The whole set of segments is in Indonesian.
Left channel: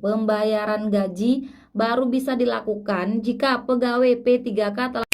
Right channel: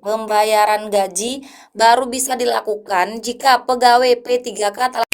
Pembayaran gaji baru bisa dilakukan jika pegawai P3K telah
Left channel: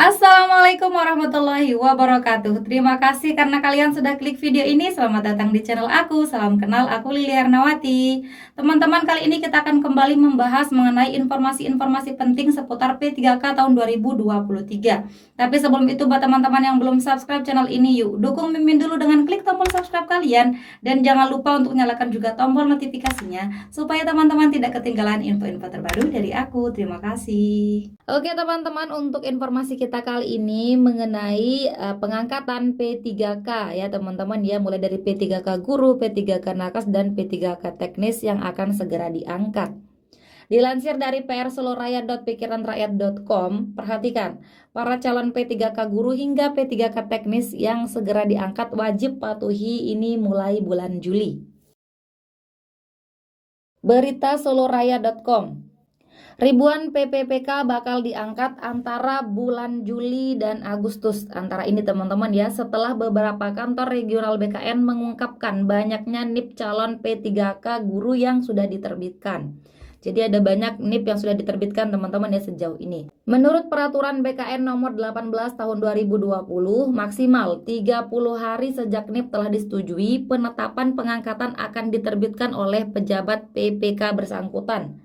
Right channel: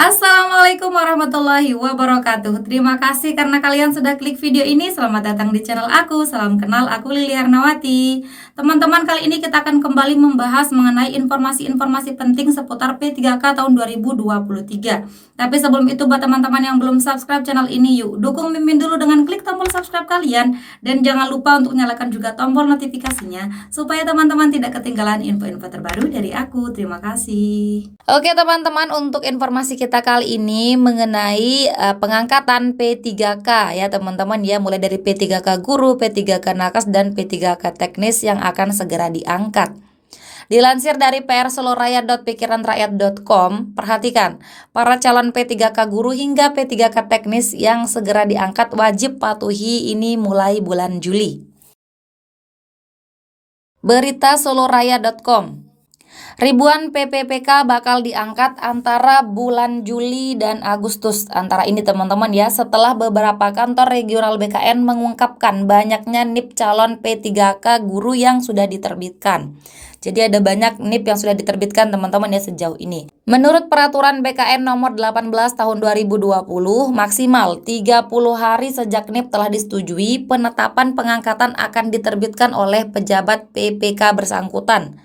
Assalamualaikum warahmatullahi wabarakatuh. Terima kasih karena kalian sudah klik video ini. Selamat datang di channel aku. Salam kenal, aku Lili Arnawati. Teman-teman, kali ini kita akan kembali membahas mengenai informasi-informasi penting seputar P3K tahun 2023. Tapi sebelum itu, buat teman-teman yang belum subscribe channel ini, yuk dukung Mimin dulu dengan klik tombol subscribe kalian. Dan jangan lupa untuk nyalakan juga tombol notifikasinya supaya teman-teman tidak ketinggalan info-info terbaru dari aku. Terima kasih. Oke teman-teman, untuk informasi kita kali ini mengenai pengangkatan P3K ya teman-teman ya, mulai dari P3K guru, P3K nakes dan P3K teknis yang akan segera diangkat. Dilansir dari prsoloraya.pikiranrakyat.com, perhatikan, para calon P3K guru hingga P3K teknis yang segera diangkat wajib patuhi ini mulai bulan Juli. Berita soloraya.com. Ribuan PPPK bakal diangkat antara bulan Juli dan Agustus. Antara ini teman-teman ya, setelah beberapa kantor regional BKN mengungkapkan banyaknya NIP calon P3K guru yang sudah diterbitkan. Jadi ada banyak NIP yang sudah diterbitkan teman-teman ya sejauh ini. Menurut peraturan BKN nomor 18 tahun 2020, maksimal 30 hari sejak NIP telah disetujui, penetapan pengangkatan akan diterbitkan oleh pejabat PPK bersangkutan.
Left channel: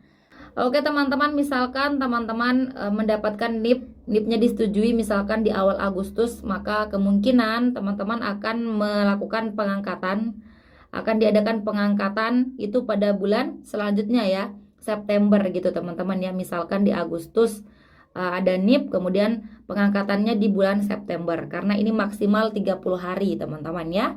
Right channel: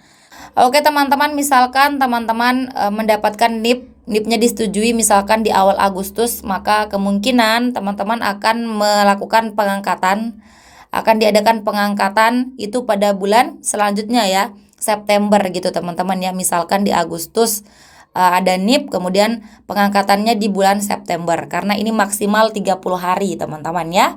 Oke teman-teman, misalkan teman-teman mendapatkan NIP-nya disetujui misalkan di awal Agustus, maka kemungkinan teman-teman akan melakukan pengangkatan, akan diadakan pengangkatan itu pada bulan selanjutnya ya, September gitu teman-teman ya. Misalkan di Agustus ada NIP, kemudian pengangkatannya di bulan September, karena ini maksimal 30 hari teman-teman ya.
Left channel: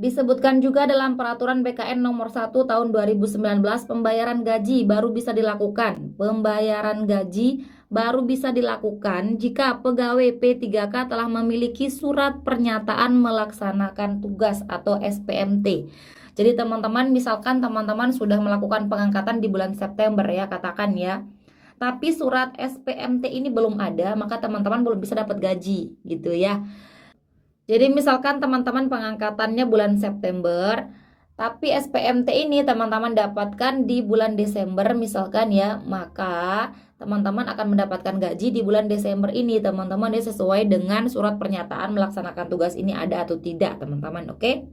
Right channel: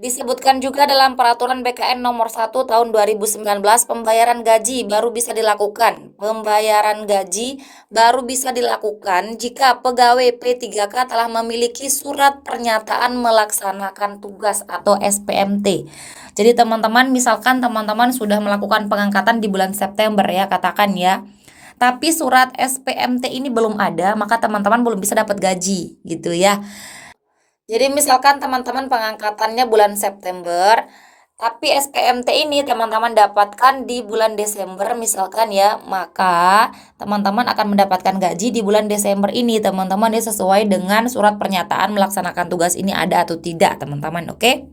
Disebutkan juga dalam peraturan BKN nomor 1 tahun 2019, pembayaran gaji baru bisa dilakukan. Pembayaran gaji baru bisa dilakukan jika pegawai P3K telah memiliki surat pernyataan melaksanakan tugas atau SPMT. Jadi teman-teman, misalkan teman-teman sudah melakukan pengangkatan di bulan September ya, katakan ya, tapi surat SPMT ini belum ada, maka teman-teman belum bisa dapat gaji gitu ya. Jadi misalkan teman-teman pengangkatannya bulan September, tapi SPMT ini teman-teman dapatkan di bulan Desember misalkan ya, maka teman-teman akan mendapatkan gaji di bulan Desember ini teman-teman ya, sesuai dengan surat pernyataan melaksanakan tugas ini ada atau tidak teman-teman, oke?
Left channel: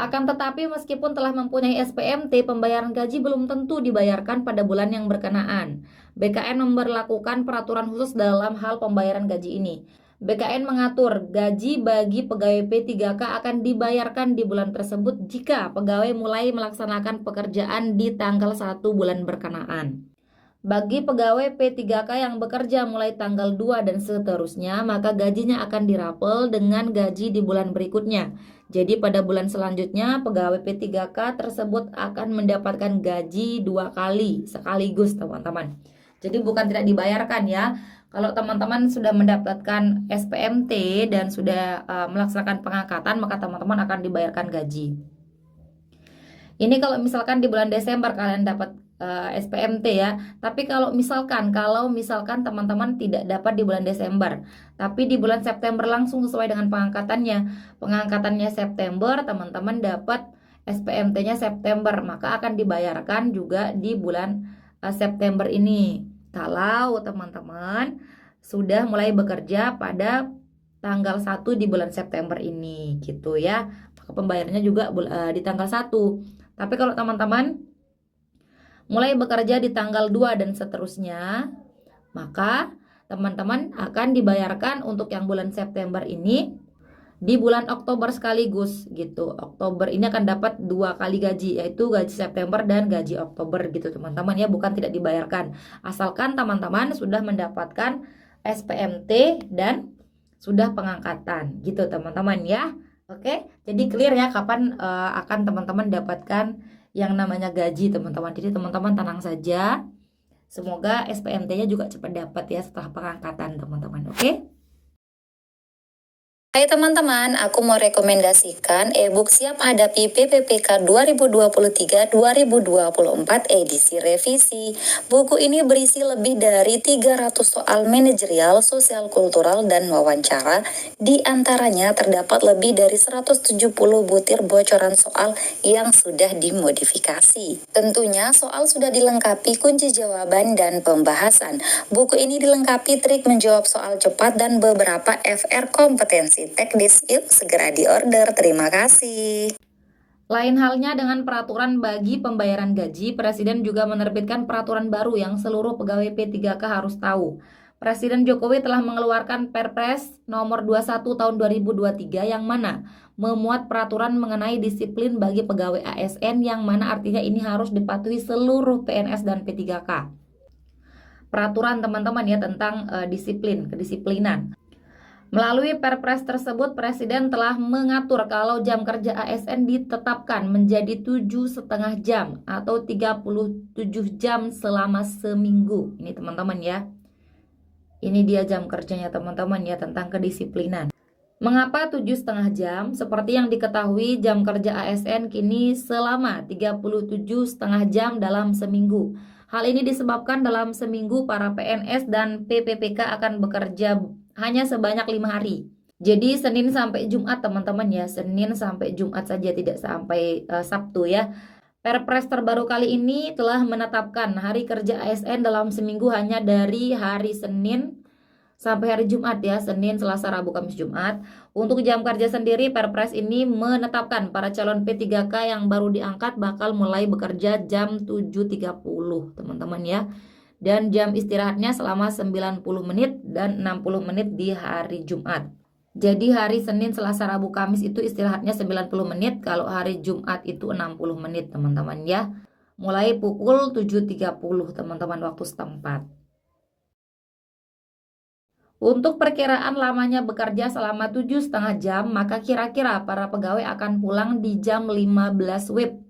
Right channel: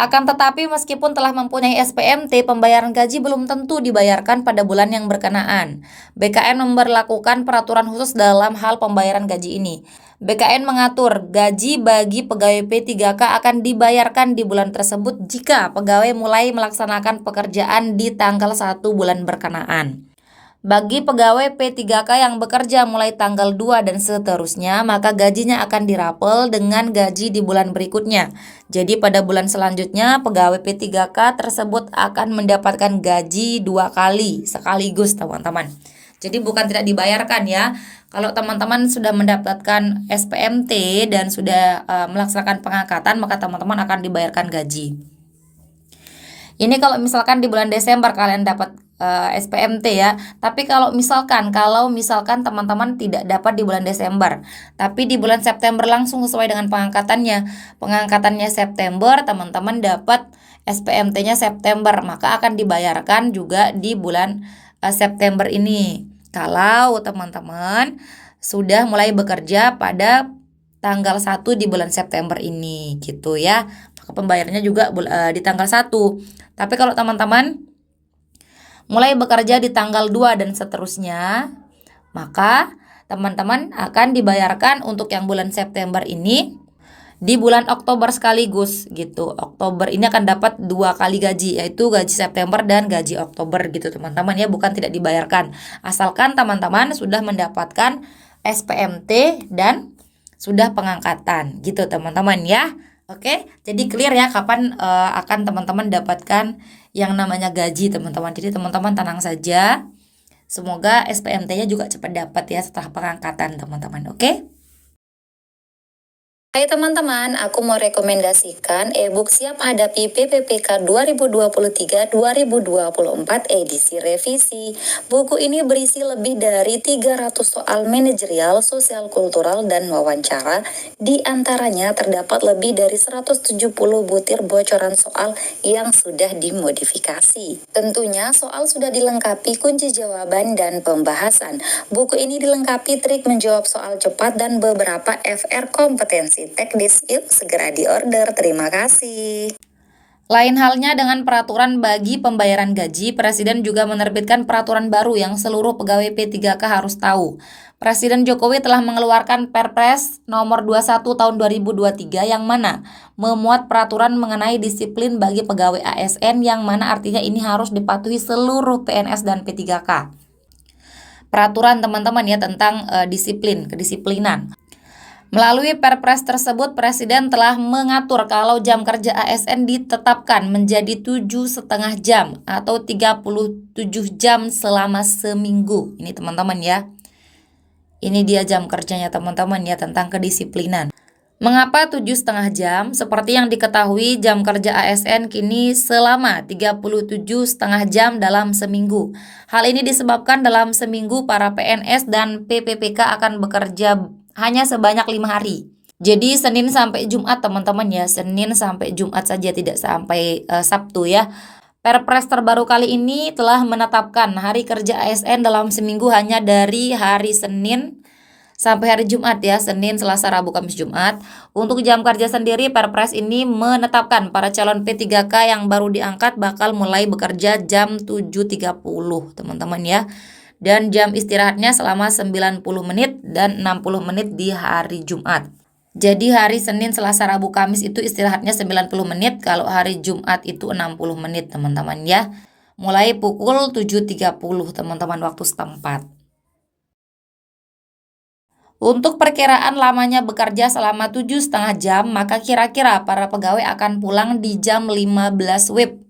Akan tetapi meskipun telah mempunyai SPMT, pembayaran gaji belum tentu dibayarkan pada bulan yang berkenaan. BKN memberlakukan peraturan khusus dalam hal pembayaran gaji ini. BKN mengatur gaji bagi pegawai P3K akan dibayarkan di bulan tersebut jika pegawai mulai melaksanakan pekerjaan di tanggal 1 bulan berkenaan. Bagi pegawai P3K yang bekerja mulai tanggal 2 dan seterusnya, maka gajinya akan dirapel dengan gaji di bulan berikutnya. Jadi pada bulan selanjutnya pegawai P3K tersebut akan mendapatkan gaji 2 kali sekaligus teman-teman. Jadi bukan tidak dibayarkan ya. Kalau teman-teman sudah mendapatkan SPMT dan sudah melaksanakan pengangkatan, maka teman-teman akan dibayarkan gaji. Ini kalau misalkan di bulan Desember kalian dapat SPMT ya. Tapi kalau misalkan teman-teman tidak dapat di bulan Desember, tapi di bulan September langsung sesuai dengan pengangkatannya September, teman-teman dapat SPMT-nya September, maka akan dibayarkan juga di bulan September ini. Kalau teman-teman sudah mulai bekerja pada tanggal 1 di bulan September ini gitu ya, maka pembayarannya juga di tanggal 1. Tapi kalau teman-teman mulai bekerja di tanggal 2 dan seterusnya, maka teman-teman akan dibayarkan untuk yang bulan September ini di bulan Oktober sekaligus gitu. Oktober ini akan dapat 2 kali gaji, yaitu gaji September dan gaji Oktober gitu teman-teman ya, bukan tidak dibayarkan. Asalkan teman-teman sudah mendapatkan SPMT dan sudah pengangkatan gitu teman-teman ya. Oke, jadi clear ya kapan akan teman-teman dapatkan yang namanya gaji teman-teman. Jadi teman-teman tenang saja. Semoga SPMT-nya juga cepat dapat ya setelah pengangkatan teman-teman. Oke? Hai teman-teman, aku mau rekomendasikan e-book Siap Hadapi PPPK 2023-2024 edisi revisi. Buku ini berisi lebih dari 300 soal manajerial, sosial kultural, dan wawancara. Di antaranya terdapat lebih dari 170 butir bocoran soal yang sudah dimodifikasi. Tentunya soal sudah dilengkapi kunci jawaban dan pembahasan. Buku ini dilengkapi trik menjawab soal cepat dan beberapa FR kompetensi teknis. Yuk segera diorder. Terima kasih. Lain halnya dengan peraturan bagi pembayaran gaji, Presiden juga menerbitkan peraturan baru yang seluruh pegawai P3K harus tahu. Presiden Jokowi telah mengeluarkan Perpres nomor 21 tahun 2023 yang mana memuat peraturan mengenai disiplin bagi pegawai ASN, yang mana artinya ini harus dipatuhi seluruh PNS dan P3K. Peraturan teman-teman ya tentang kedisiplinan. Melalui Perpres tersebut, Presiden telah mengatur kalau jam kerja ASN ditetapkan menjadi 7,5 jam atau 37 jam selama seminggu. Ini teman-teman ya. Ini dia jam kerjanya teman-teman ya tentang kedisiplinan. Mengapa 7,5 jam? Seperti yang diketahui, jam kerja ASN kini selama 37,5 jam dalam seminggu. Hal ini disebabkan dalam seminggu para PNS dan PPPK akan bekerja hanya sebanyak 5 hari. Jadi Senin sampai Jumat teman-teman ya, Senin sampai Jumat saja, tidak sampai Sabtu ya. Perpres terbaru kali ini telah menetapkan hari kerja ASN dalam seminggu hanya dari hari Senin sampai hari Jumat ya, Senin, Selasa, Rabu, Kamis, Jumat. Untuk jam kerja sendiri, Perpres ini menetapkan para calon P3K yang baru diangkat bakal mulai bekerja jam 7.30 teman-teman ya. Dan jam istirahatnya selama 90 menit dan 60 menit di hari Jumat. Jadi hari Senin, Selasa, Rabu, Kamis itu istirahatnya 90 menit, kalau hari Jumat itu 60 menit teman-teman ya. Mulai pukul 7.30 teman-teman waktu setempat. Untuk perkiraan lamanya bekerja selama 7,5 jam, maka kira-kira para pegawai akan pulang di jam 15 WIB.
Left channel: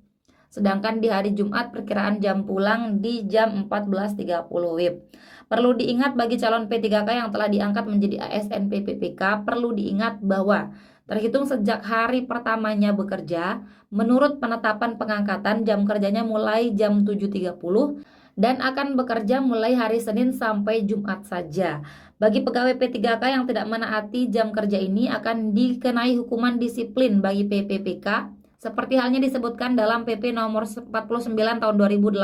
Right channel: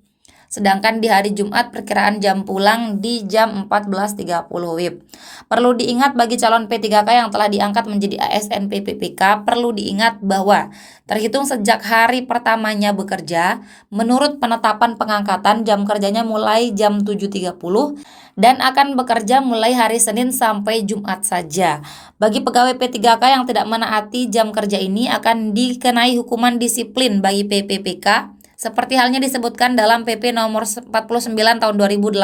Sedangkan di hari Jumat perkiraan jam pulang di jam 14.30 WIB. Perlu diingat bagi calon P3K yang telah diangkat menjadi ASN PPPK, perlu diingat bahwa terhitung sejak hari pertamanya bekerja, menurut penetapan pengangkatan jam kerjanya mulai jam 7.30 dan akan bekerja mulai hari Senin sampai Jumat saja. Bagi pegawai P3K yang tidak menaati jam kerja ini akan dikenai hukuman disiplin bagi PPPK, seperti halnya disebutkan dalam PP nomor 49 tahun 2018.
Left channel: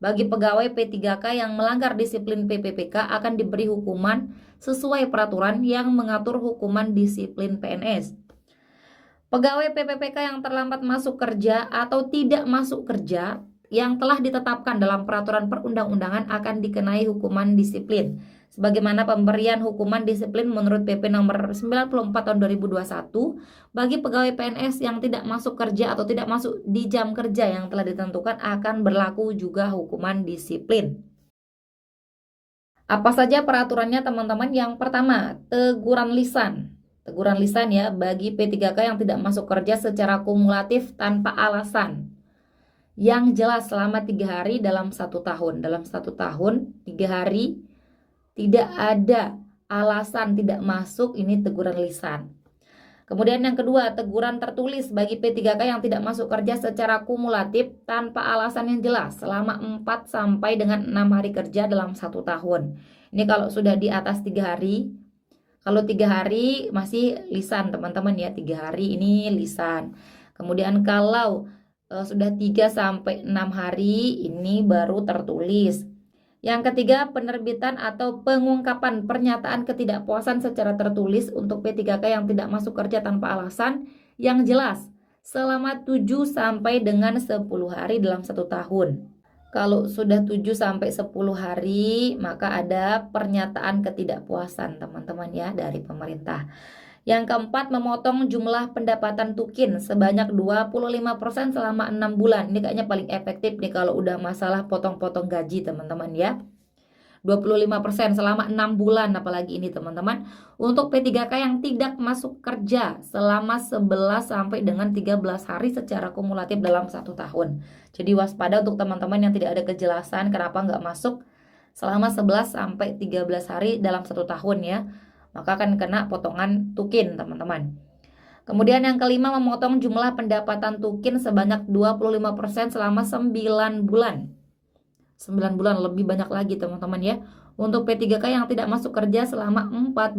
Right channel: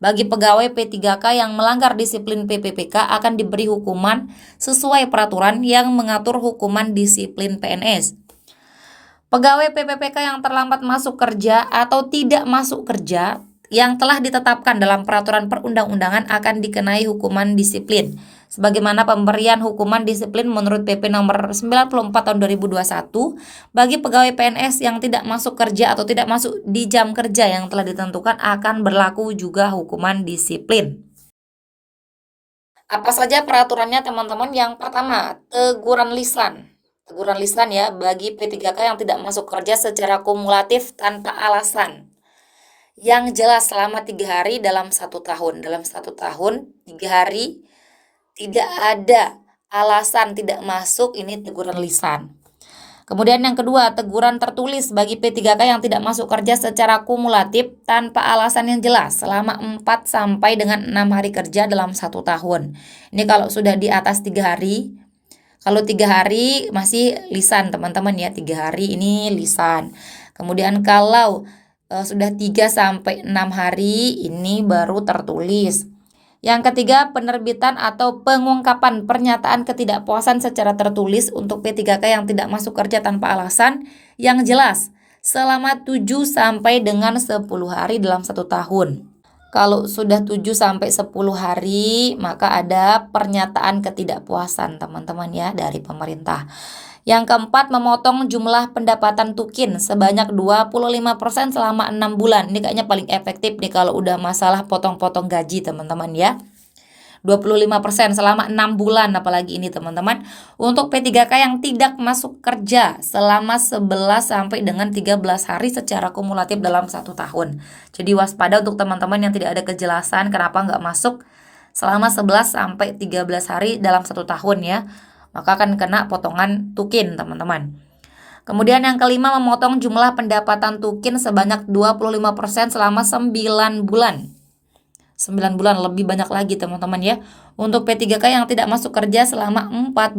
Bagi pegawai P3K yang melanggar disiplin PPPK akan diberi hukuman sesuai peraturan yang mengatur hukuman disiplin PNS. Pegawai PPPK yang terlambat masuk kerja atau tidak masuk kerja yang telah ditetapkan dalam peraturan perundang-undangan akan dikenai hukuman disiplin. Sebagaimana pemberian hukuman disiplin menurut PP nomor 94 tahun 2021 bagi pegawai PNS yang tidak masuk kerja atau tidak masuk di jam kerja yang telah ditentukan, akan berlaku juga hukuman disiplin. Apa saja peraturannya teman-teman? Yang pertama, teguran lisan. Teguran lisan ya bagi P3K yang tidak masuk kerja secara kumulatif tanpa alasan yang jelas selama 3 hari dalam 1 tahun. Dalam 1 tahun 3 hari tidak ada alasan tidak masuk, ini teguran lisan. Kemudian yang kedua, teguran tertulis bagi P3K yang tidak masuk kerja secara kumulatif tanpa alasan yang jelas selama 4 sampai dengan 6 hari kerja dalam 1 tahun. Ini kalau sudah di atas 3 hari. Kalau 3 hari masih lisan teman-teman ya, 3 hari ini lisan. Kemudian kalau sudah 3 sampai 6 hari ini baru tertulis. Yang ketiga, penerbitan atau pengungkapan pernyataan ketidakpuasan secara tertulis untuk P3K yang tidak masuk kerja tanpa alasan yang jelas selama 7 sampai dengan 10 hari dalam 1 tahun. Kalau sudah 7 sampai 10 hari maka ada pernyataan ketidakpuasan teman-teman ya dari pemerintah. Yang keempat, memotong jumlah pendapatan tukin sebanyak 25% selama 6 bulan. Ini kayaknya paling efektif nih kalau udah masalah potong-potong gaji teman-teman ya. 25% selama 6 bulan apalagi ini teman-teman. Untuk P3K yang tidak masuk kerja selama 11 sampai dengan 13 hari secara kumulatif dalam 1 tahun. Jadi waspada untuk teman-teman yang tidak ada kejelasan kenapa nggak masuk selama 11 sampai 13 hari dalam 1 tahun ya. Maka akan kena potongan tukin teman-teman. Kemudian yang kelima, memotong jumlah pendapatan tukin sebanyak 25% selama 9 bulan. 9 bulan lebih banyak lagi teman-teman ya. Untuk P3K yang tidak masuk kerja selama 14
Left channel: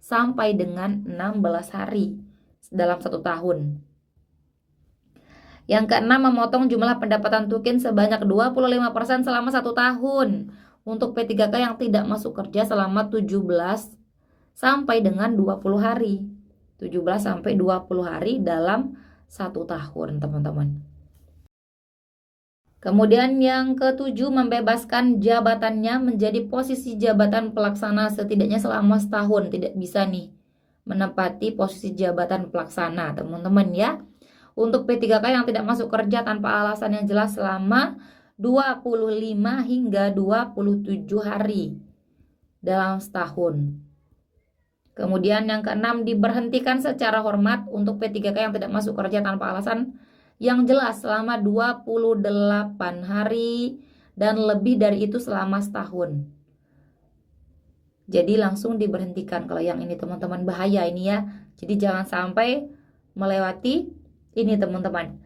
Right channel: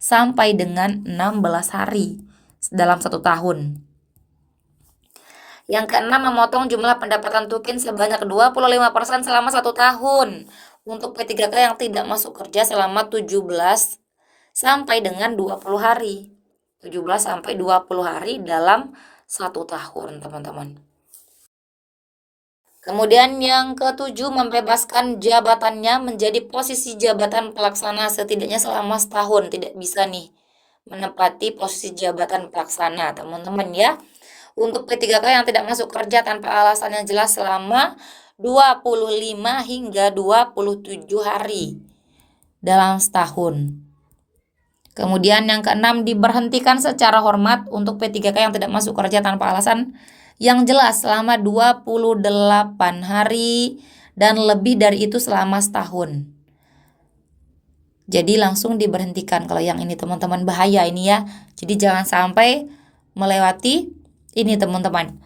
sampai dengan 16 hari dalam 1 tahun. Yang keenam, memotong jumlah pendapatan tukin sebanyak 25% selama 1 tahun. Untuk P3K yang tidak masuk kerja selama 17 sampai dengan 20 hari. 17 sampai 20 hari dalam 1 tahun teman-teman. Kemudian yang ketujuh, membebaskan jabatannya menjadi posisi jabatan pelaksana setidaknya selama setahun. Tidak bisa nih menempati posisi jabatan pelaksana teman-teman ya. Untuk P3K yang tidak masuk kerja tanpa alasan yang jelas selama 25 hingga 27 hari dalam setahun. Kemudian yang keenam, diberhentikan secara hormat untuk P3K yang tidak masuk kerja tanpa alasan yang jelas selama 28 hari dan lebih dari itu selama setahun. Jadi langsung diberhentikan kalau yang ini teman-teman, bahaya ini ya. Jadi jangan sampai melewati ini teman-teman.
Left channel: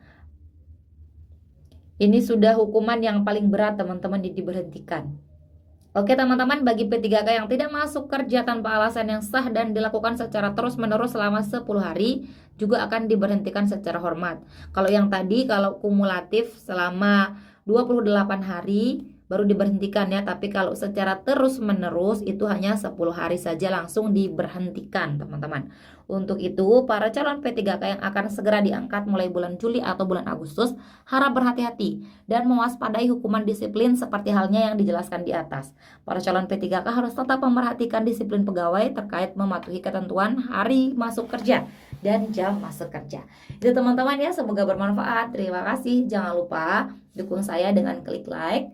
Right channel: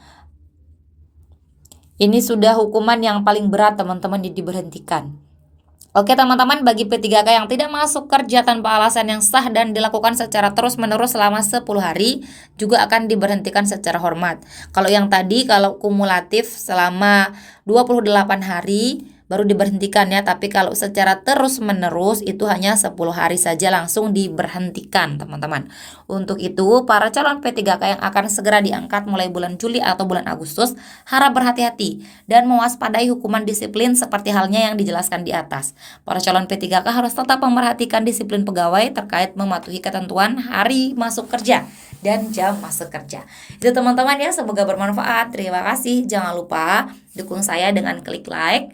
Ini sudah hukuman yang paling berat teman-teman, diberhentikan. Oke teman-teman, bagi P3K yang tidak masuk kerja tanpa alasan yang sah dan dilakukan secara terus-menerus selama 10 hari juga akan diberhentikan secara hormat. Kalau yang tadi, kalau kumulatif selama 28 hari baru diberhentikan ya, tapi kalau secara terus-menerus itu hanya 10 hari saja langsung diberhentikan teman-teman. Untuk itu, para calon P3K yang akan segera diangkat mulai bulan Juli atau bulan Agustus harap berhati-hati dan mewaspadai hukuman disiplin seperti halnya yang dijelaskan di atas. Para calon P3K harus tetap memperhatikan disiplin pegawai terkait mematuhi ketentuan hari masuk kerja dan jam masuk kerja. Itu teman-teman ya, semoga bermanfaat. Terima kasih. Jangan lupa dukung saya dengan klik like,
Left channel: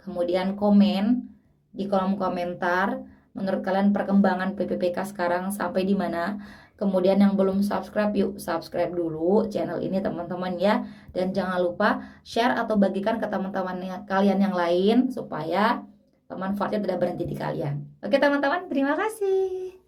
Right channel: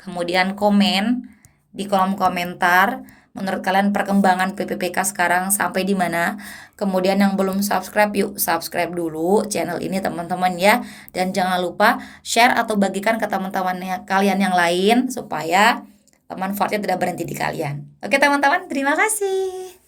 kemudian komen di kolom komentar menurut kalian perkembangan PPPK sekarang sampai di mana. Kemudian yang belum subscribe, yuk subscribe dulu channel ini teman-teman ya. Dan jangan lupa share atau bagikan ke teman-teman kalian yang lain supaya manfaatnya tidak berhenti di kalian. Oke teman-teman, terima kasih.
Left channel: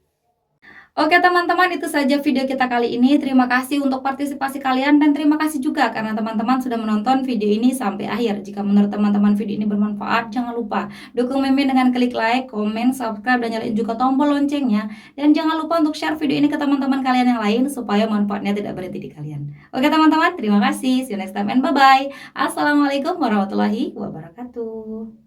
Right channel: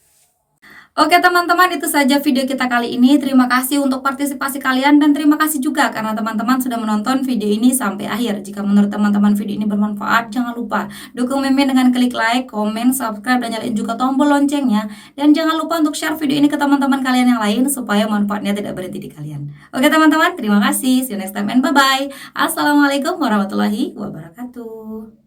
Oke teman-teman, itu saja video kita kali ini. Terima kasih untuk partisipasi kalian dan terima kasih juga karena teman-teman sudah menonton video ini sampai akhir. Jika menurut teman-teman video ini bermanfaat, jangan lupa dukung Mimin dengan klik like, komen, subscribe, dan nyalain juga tombol loncengnya. Dan jangan lupa untuk share video ini ke teman-teman kalian yang lain supaya manfaatnya tidak berhenti di kalian. Oke teman-teman, terima kasih. See you next time and bye-bye. Assalamualaikum warahmatullahi wabarakatuh.